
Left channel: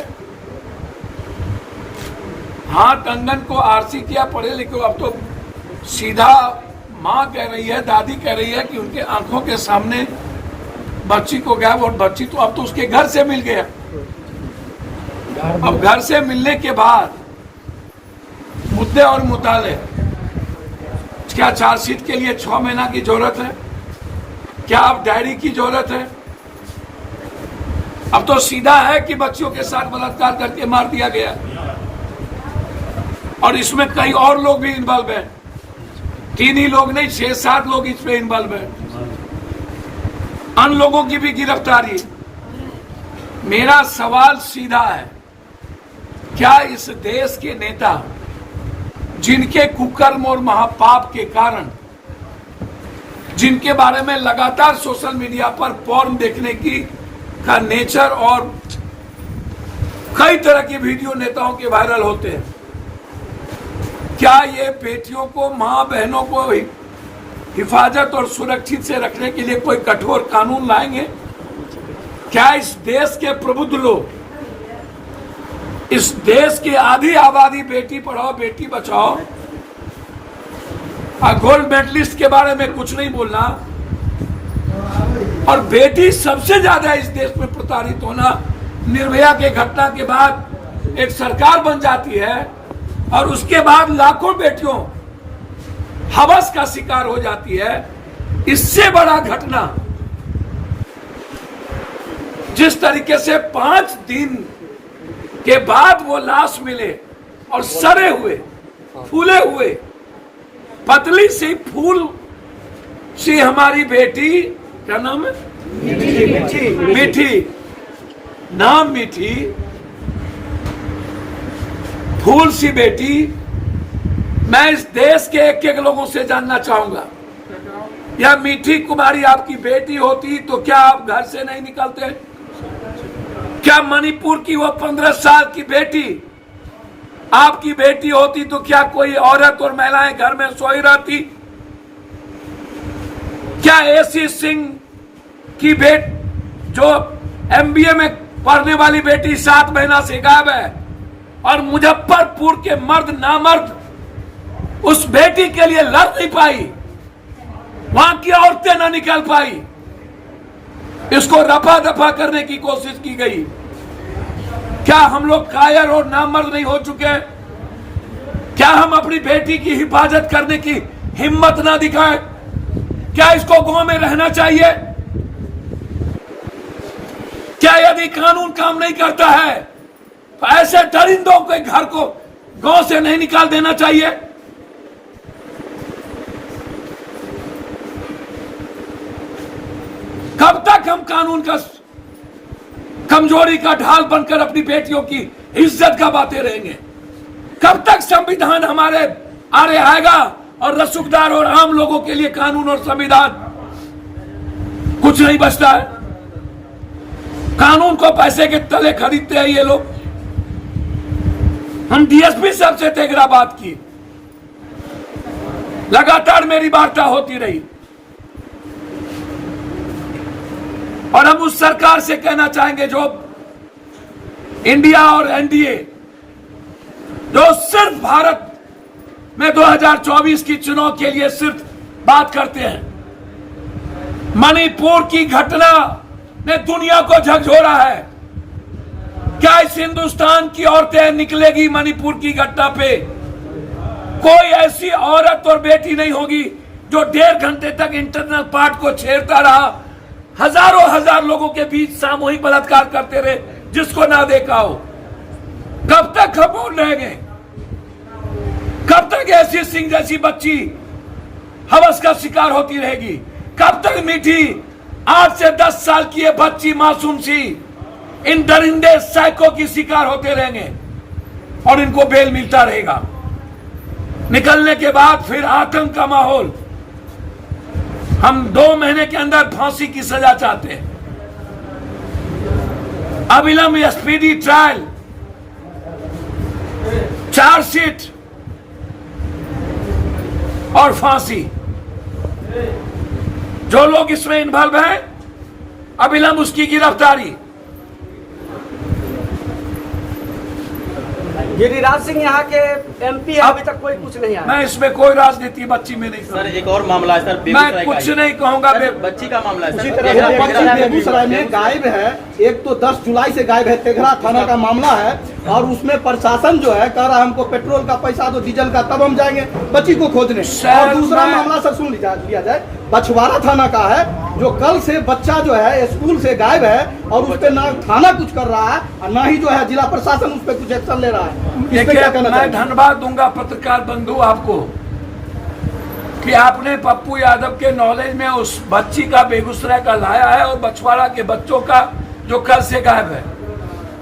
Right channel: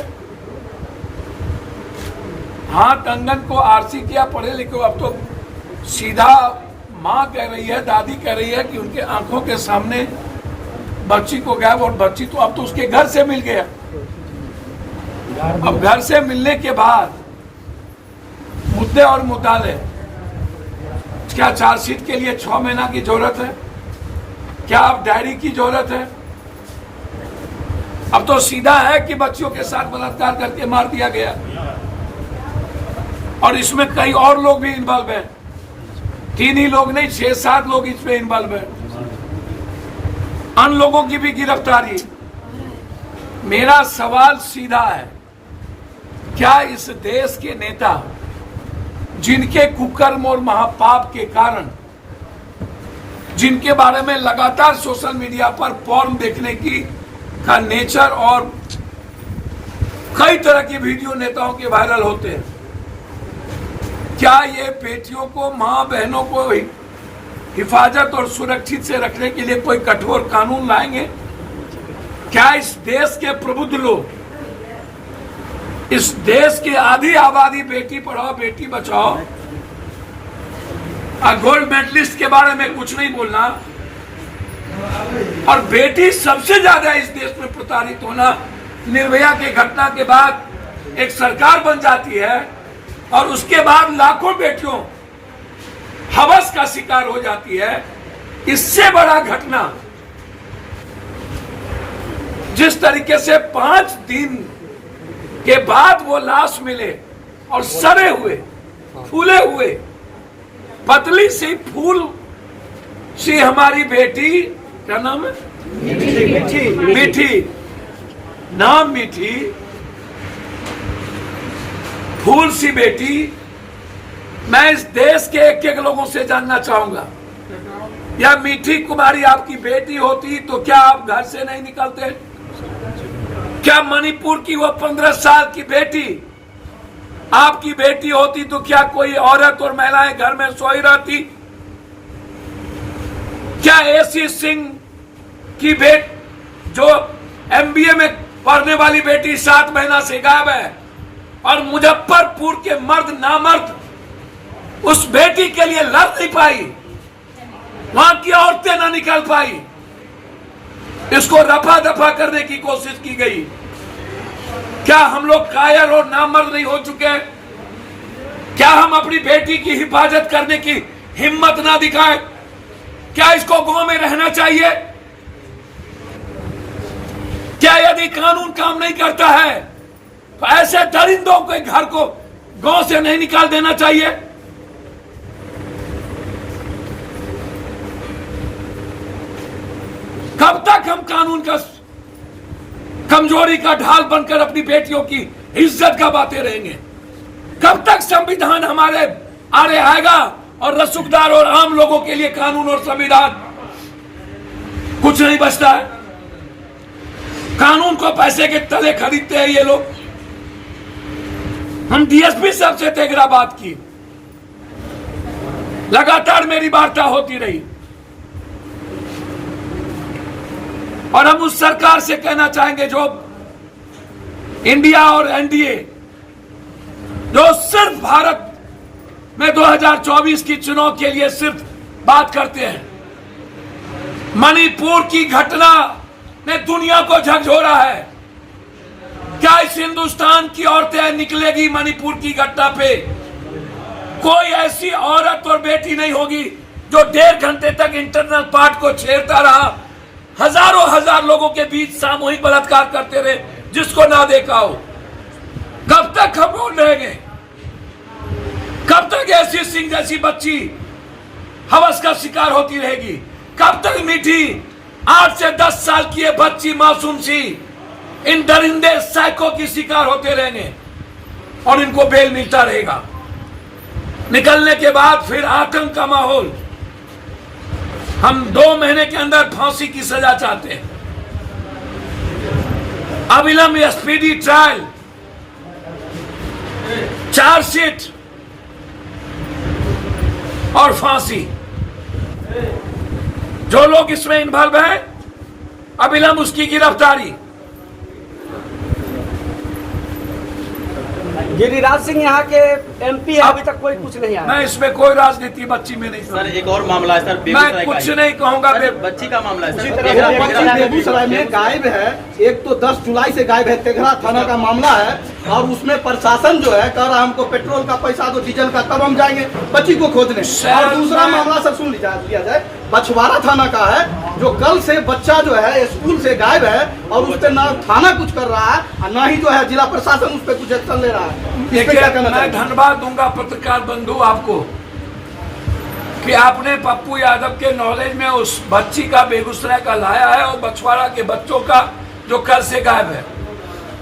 हाँ, कंगन को आरसी किया पढ़े लिखे, अब तो सीधा माँ कह रही है, दादी कह रही है कि उनके आंखों के सामने बच्ची को गायब, और बच्ची तो अब तो उसके घर से मिल गया। अब घर से मिलने के बाद मुद्दे और मुताले, क्या चार्जशीट के लिए 6 महीना की जरूरत है? क्या अब डायरी की जरूरत है? अब तो सीधा है कि बच्चियों के साथ बलात्कार करके मार दिया गया, और इसमें कई और लोग भी इन्वॉल्व हैं। 3 ही लोग नहीं, 6-7 लोग इसमें इन्वॉल्व हैं। अन्य लोगों की भी गिरफ्तारी। मेरा सवाल सीधा है, क्या इस देश के नेता, जिनके कुकर्म और महापाप के कारण, जिनके बारे में लगातार सोशल मीडिया पर पॉर्न देखने की का नेचर और कई तरह के वीडियो नेताओं के वायरल होते हैं, क्या ये बेटियों को, मां बहनों को हिफाजत और सुरक्षित से रखने के लिए कोई कठोर कानून लाएंगे? क्या इस देश के प्रबुद्ध लोग, इस देश की आधी आबादी बेटी पढ़ाओ बेटी बचाओ, गोल्ड मेडलिस्ट के बारे में कुछ नहीं बोलना, और बेटी सबसे ज्यादा इस देश में प्रताड़ित होना, निर्भया के घटना के बाद एक सरकार बन जाती है और उसके बाद लाखों बेटियों हवस का शिकार हो जाती है। इससे बड़ा घटना, जिस तरीके से 5 दिन के बाद वो लाश मिले और सड़े हुए, फूले हुए, पतली सी फूल सी हमारी बेटी, क्या नाम है? मीठी, नाम मीठी, फूल सी बेटी। मैं इस देश के एक लोगों से जानना चाहूंगा, या मीठी कुमारी आपकी बेटी होती तो क्या आप घर से नहीं निकलते? क्या मणिपुर की वो 15 साल की बेटी आपकी बेटी होती तो क्या कोई औरत और महिलाएं घर में सोई रहती? क्या एसी सिंह की जो MBA में पढ़ने वाली बेटी 7 महीना से गायब है, और मुजफ्फरपुर के मर्द नामर्द उस बेटी के लिए लड़ नहीं पाई, वहां की औरतें ना निकल पाई, इसको रफा दफा करने की कोशिश की गई? क्या हम लोग कायर और नामर्द नहीं हो चुके? क्या हम अपनी बेटी की हिफाजत करने की हिम्मत ना दिखाएं? क्या इसको गांव में रहना चाहिए? क्या यदि कानून काम नहीं करता है तो ऐसे दरिंदों के घर को गांव से नहीं निकाल देना चाहिए? कब तक हम कानून का कमजोरी का ढाल बनकर अपनी बेटियों की इज्जत गवाते रहेंगे? कब तक संविधान हमारे आरे आएगा और रसूखदार और आम लोगों के लिए कानून और संविधान कुछ नहीं बचता है। कानून को पैसे के तले खरीदते हैं ये लोग। हम डीएसपी साहब से तेगरा बात की, लगातार मेरी वार्ता होती रही और हम उस सरकार से कहना चाहेंगे जो इंडिया और एनडीए जो सिर्फ भारत में 2024 की चुनाव के लिए सिर्फ बात करते हैं। मणिपुर की घटना ने दुनिया को झकझोरा है। क्या इस हिंदुस्तान की औरतें निकलेगी मणिपुर की घटना पे? कोई ऐसी औरत और बेटी नहीं होगी जो 1.5 घंटे तक इंटरनल पार्ट को छेड़ता रहा, हजार लोगों के बीच सामूहिक बलात्कार करते रहे, जिसको ना देखा हो। कब तक हम बोल रहेंगे? कब तक ऐसी सिंह जैसी बच्ची हवस का शिकार होती रहेगी? कब तक मीठी 8 से 10 साल की ये बच्ची मासूम सी इन दरिंदे साइको की शिकार होते रहेंगे और इनको बेल मिलता रहेगा? निकलने के बाद फिर आतंक का माहौल। हम 2 महीने के अंदर फांसी की सजा चाहते हैं। अविलंब स्पीडी ट्रायल, चार्जशीट और फांसी। जो लोग इसमें इन्वॉल्व हैं, अविलंब उसकी गिरफ्तारी। गिरिराज सिंह यहाँ के एमपी है, अभी तक कोई कुछ नहीं आया। मैं इसमें कोई राजनीति बच्ची में नहीं सर, एक और मामला है सर, मैं कुछ नहीं कहूंगा। बच्ची का मामला है उसी सर। तरह बेगूसराय में गायब है, एक तो 10 जुलाई से गायब है, तेघरा थाना का मामला है और उसमें प्रशासन जो है कह रहा है हमको पेट्रोल का पैसा दो, डीजल का, तब हम जाएंगे बच्ची को खोजने। और दूसरा मामला सर सुन लिया जाए, बछवाड़ा थाना का है, जो कल से बच्चा जो है स्कूल से गायब है और उस पर ना थाना कुछ कर रहा है, ना ही जो है जिला प्रशासन उस पर कुछ एक्शन ले रहा है। इस पे क्या कहना मैं चाहिए? धन्यवाद दूंगा पत्रकार बंधु आपको कि आपने पप्पू यादव के नॉलेज में उस बच्ची का बेगूसराय का लाया है और बछवाड़ा के बच्चों का जो कल से गायब है।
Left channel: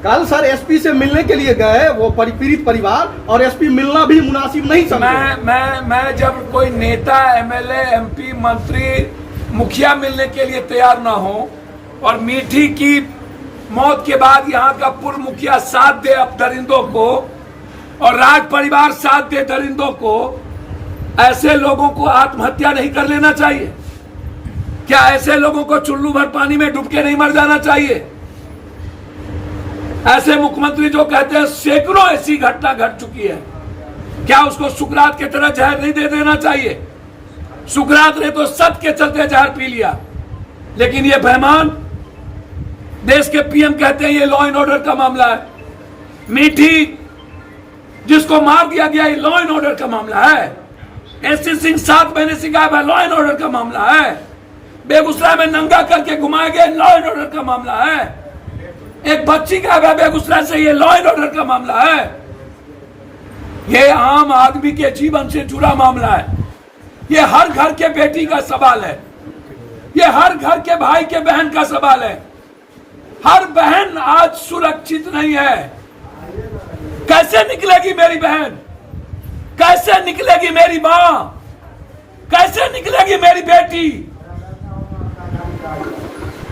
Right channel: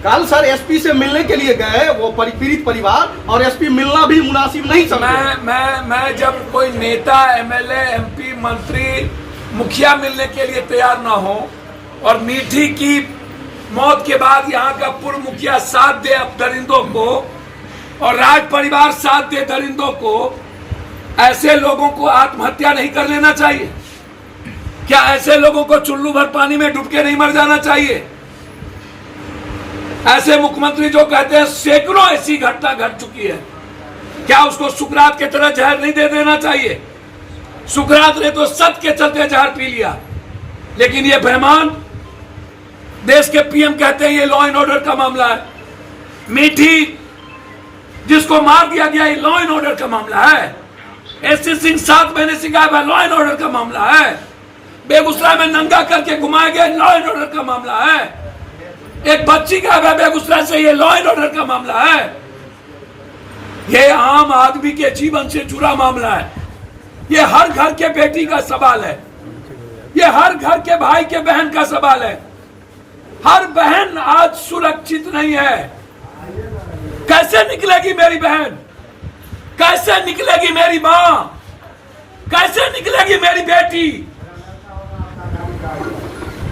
कल सर एसपी से मिलने के लिए गए वो पीड़ित परिवार, और एसपी मिलना भी मुनासिब नहीं समझे। मैं जब कोई नेता, एमएलए, एमपी, मंत्री, मुखिया मिलने के लिए तैयार ना हो और मीठी की मौत के बाद यहाँ का पूर्व मुखिया साथ दे अब दरिंदों को और राज परिवार साथ दे दरिंदों को, ऐसे लोगों को आत्महत्या नहीं कर लेना चाहिए क्या? ऐसे लोगों को चुल्लू भर पानी में डूब के नहीं मर जाना चाहिए? ऐसे मुख्यमंत्री जो कहते हैं सैकड़ों ऐसी घटना घट चुकी है, क्या उसको सुकरात की तरह जहर नहीं दे देना चाहिए? सुकरात ने तो सत्य के चलते जहर पी लिया, लेकिन ये बेईमान देश के पीएम कहते हैं ये लॉ एंड ऑर्डर का मामला है। मीठी जिसको मार दिया गया ये लॉ एंड ऑर्डर का मामला है। एससी सिंह 7 महीने से गायब है, लॉ एंड ऑर्डर का मामला है। बेगूसराय में नंगा करके घुमाए गए, लॉ एंड ऑर्डर का मामला है। एक बच्ची गायब है बेगूसराय से, ये लॉ एंड ऑर्डर का मामला है। ये आम आदमी के जीवन से जुड़ा मामला है। ये हर घर के बेटी का सवाल है, ये हर घर के भाई के बहन का सवाल है। हर बहन आज सुरक्षित नहीं है। कैसे निकलेगी मेरी बहन? कैसे निकलेगी मेरी मां? कैसे निकलेगी मेरी बेटी?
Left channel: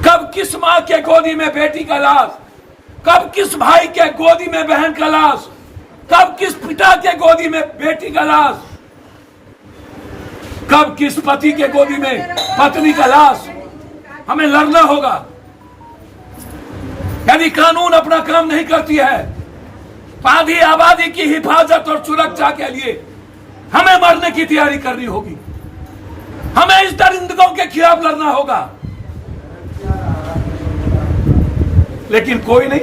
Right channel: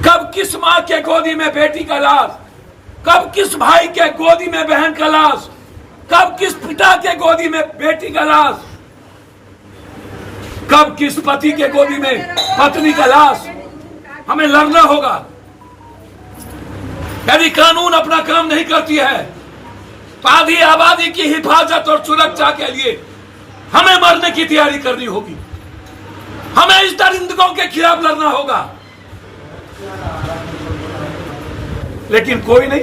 कब किस मां के गोदी में बेटी का लाश, कब किस भाई के गोदी में बहन का लाश, कब किस पिता के गोदी में बेटी का लाश, कब किस पति के गोदी में पत्नी का लाश? हमें लड़ना होगा। यदि कानून अपना काम नहीं करती है, आधी आबादी की हिफाजत और सुरक्षा के लिए हमें मरने की तैयारी करनी होगी। हमें इस दरिंदों के खिलाफ लड़ना होगा। लेकिन कोई नहीं,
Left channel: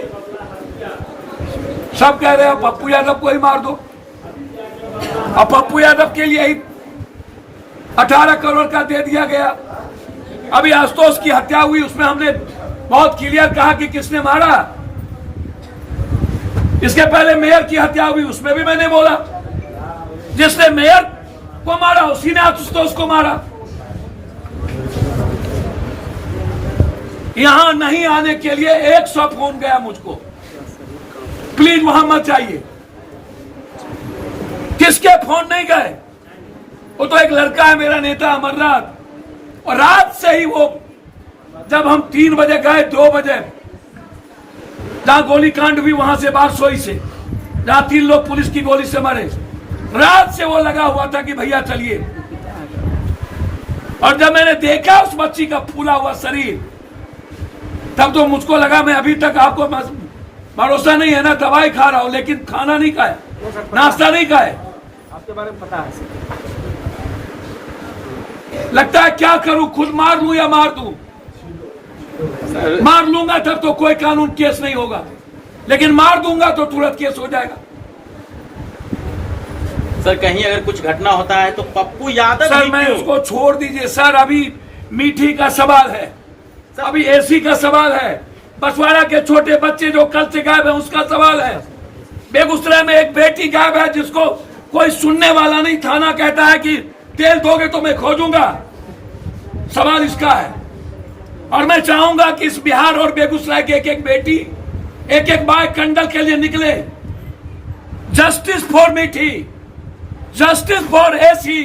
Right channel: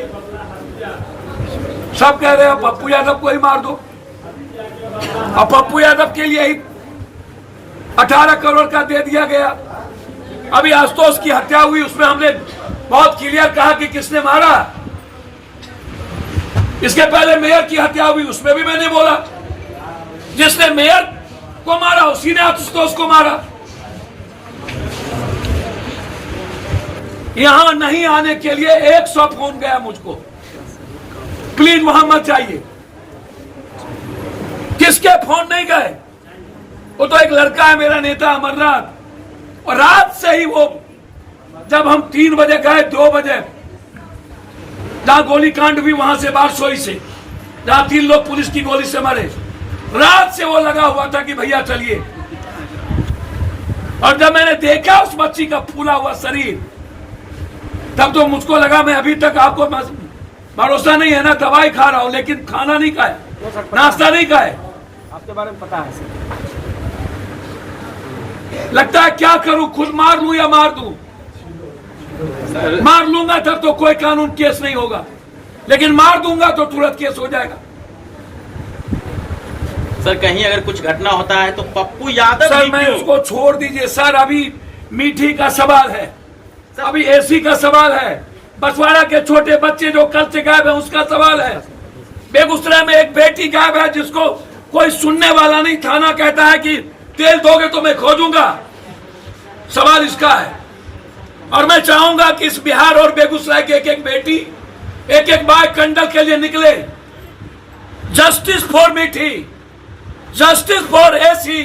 सब कह रहे हैं पप्पू यादव को ही मार दो। और पप्पू यादव के लिए ही 18 करोड़ का दे दिया गया। अभी आशुतोष की हत्या हुई, उसमें हमने बहुत क्लियर कहा कि किसने मारा। इसके पहले मेयर की हत्या हुई, उसमें भी मैंने बोला जिसने मेयर को मारा उसी ने आशुतोष को मारा। यहां नहीं आने के लिए 100 फोन गया मुझको, प्लीज वहां मत जाइए। किसके फोन नहीं गए? वो तो एक लड़का है मेरा नेता अमरनाथ, और रात से ही वो जब हम 3 बजे गए, 2 बजे जहां गोली कांड हुई वहां से बारसोई से, जहां 3 लोग पुलिस की गोली से मरे, रात से वो लगा हुआ था कि भैया चलिए। और जब मैंने देखा उस बच्ची का फूला हुआ शरीर, तब तो मुझको लगा, मैं अभी तक आपको भरोसा नहीं है ना, दवाई खा रहा हूं लेकिन खाना नहीं खाया, नाश्ता नहीं खाया। आपके बारे में पता है? लगता है क्या करूं, खुद मार लूं या मार दूं? मार लूंगा तब तो कोई कानून केस नहीं होगा, लेकिन मार दूंगा तो तुरंत केस हो जाएगा। सर कहीं अगर कुछ घटना होता है तो पप्पू यादव सर ही मैं क्यों? उसको छोड़ दीजिए सर, अभी मीठी का सवाल है, अभी एसी का सवाल है, बसवाड़ा के छोटे बच्चे जो कल से गायब है उसका सवाल है, बेगूसराय में एक बेटी गायब है जिसको कोई सुनने वाला नहीं, थाना कहता है कि तेल दोगे तो मैं खोजूंगा, सवाल इसका है। और मैं चाहूंगा कि इस बिहार और बेगूसराय की एक एक बेटी, एक एक बार कंडल के लिए निकले। जस्टिस फॉर मीठी, justice for AC,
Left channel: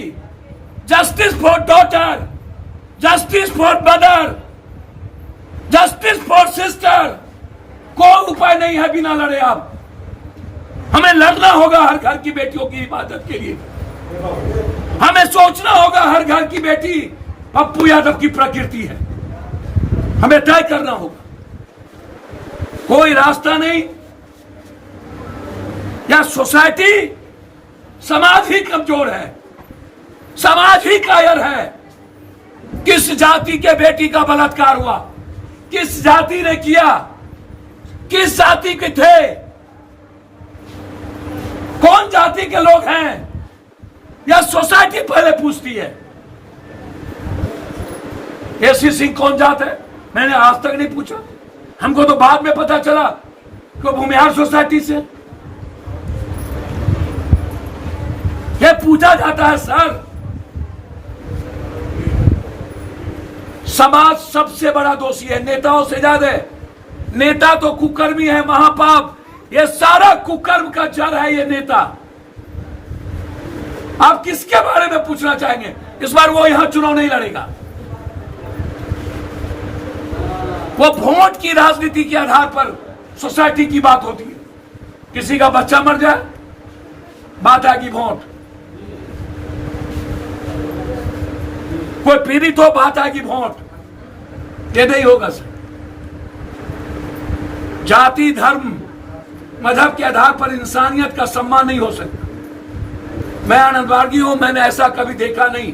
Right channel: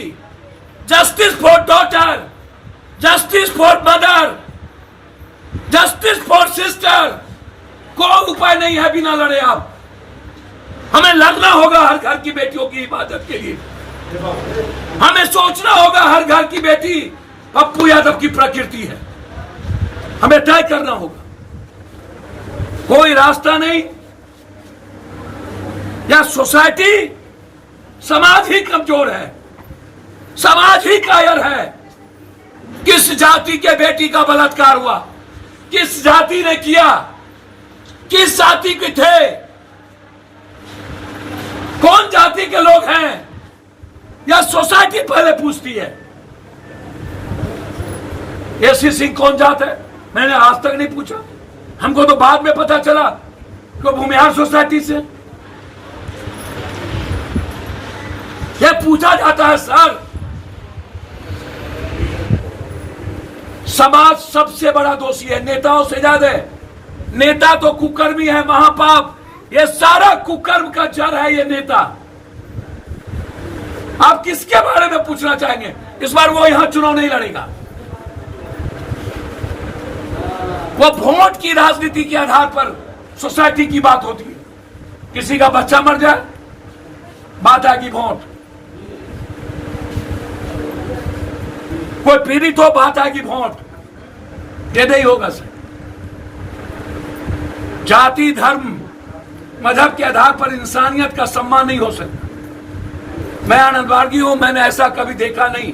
justice for daughter, justice for mother, justice for sister. कोई उपाय नहीं है बिना लड़े आप, हमें लड़ना होगा हर घर की बेटियों की हिफाजत के लिए। हमें सोचना होगा हर घर की बेटी पप्पू यादव की प्रकृति है, हमें तय करना होगा। कोई रास्ता नहीं, या सोसाइटी, समाज ही कमजोर है, समाज ही कायर है। किस जाति के बेटी का बलात्कार हुआ, किस जाति ने किया, किस जाति के थे, कौन जाति के लोग हैं, या सोसाइटी पहले पूछती है। एसी सिंह कौन जात है, मैंने आज तक नहीं पूछा, हमको तो बाद में पता चला कि भूमिहार सोसाइटी से। ये पूछा जाता है सर। समाज सबसे बड़ा दोषी है, नेताओं से ज्यादा। नेता तो कुकर्मी है, महापाप, ये सारा कुकर्म का जड़ है ये नेता। आप किसके बारे में पूछना चाहेंगे? इस बार वो यहां चुनाव नहीं लड़ेगा, वो वोट की राजनीति के आधार पर सोसाइटी की बात होती है। किसी का बच्चा मर जाए, बात आएगी वोट, कोई पीड़ित हो, बात आएगी वोट। ये नहीं होगा सर। जाति, धर्म, मजहब के आधार पर इंसानियत का सम्मान नहीं हो सकता। मैं आनंदवार्गी हूं, मैंने ऐसा कभी देखा नहीं।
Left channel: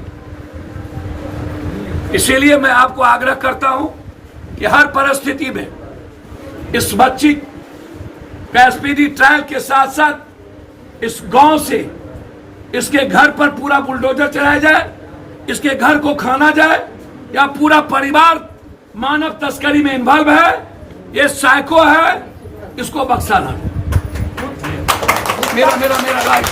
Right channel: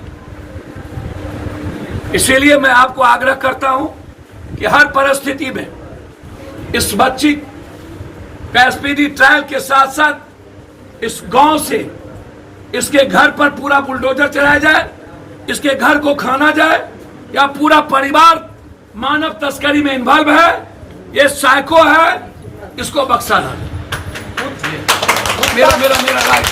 इसीलिए मैं आपको आग्रह करता हूं कि हर परिस्थिति में इस बच्ची का एसपीडी ट्रायल के साथ साथ इस गांव से इसके घर पर पूरा बुलडोजर चलाया जाए, इसके घर को खाना जाए, या पूरा परिवार मानव तस्करी में इन्वॉल्व है, ये साइको है, इसको बख्शा ना। मेरा राय।